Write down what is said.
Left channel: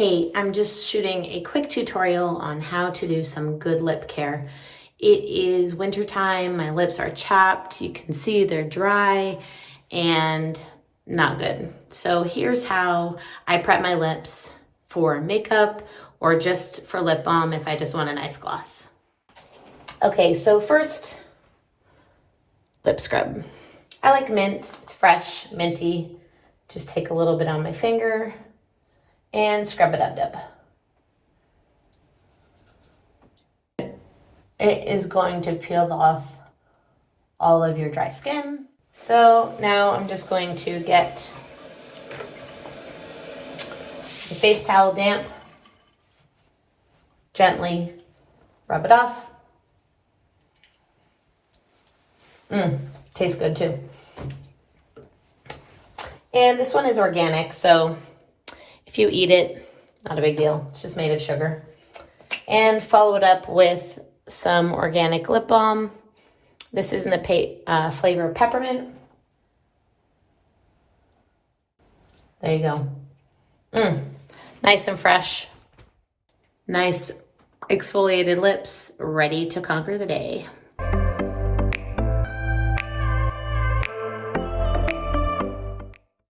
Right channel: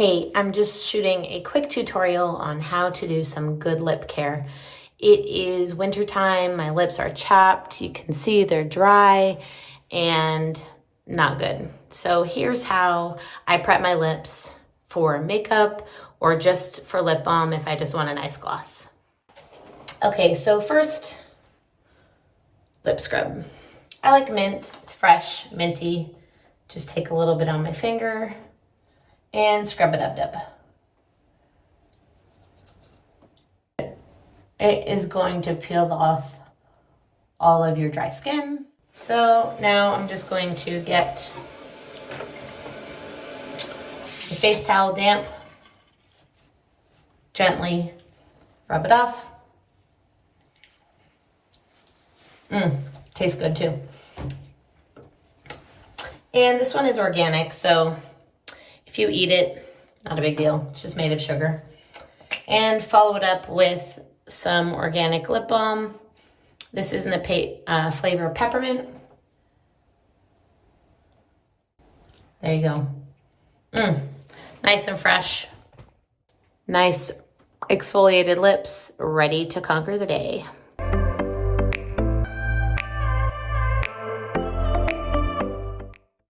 Hey, I'm just shooting a quick tutorial on how to do some good lip care. It is wintertime, my lips are chapped, you can see they're dry and not good. So here's how I prep my lips for makeup or just for lip balm if I just want a nice gloss. Okay, so first, lip scrub. I like mint, it's fresh, minty. Just take a little bit on my finger and Scrubadubdub. It is going to peel off all of your dry skin. So now I'm just going to get the face towel damp, gently rub it off. Tastes good too. And this one is organic, so if you eat it, not a big deal. It's just made of sugar. And follow it up with some organic lip balm. This is in the flavor of peppermint. There you go. Nice and fresh. Nice exfoliated lips, ready to conquer the day.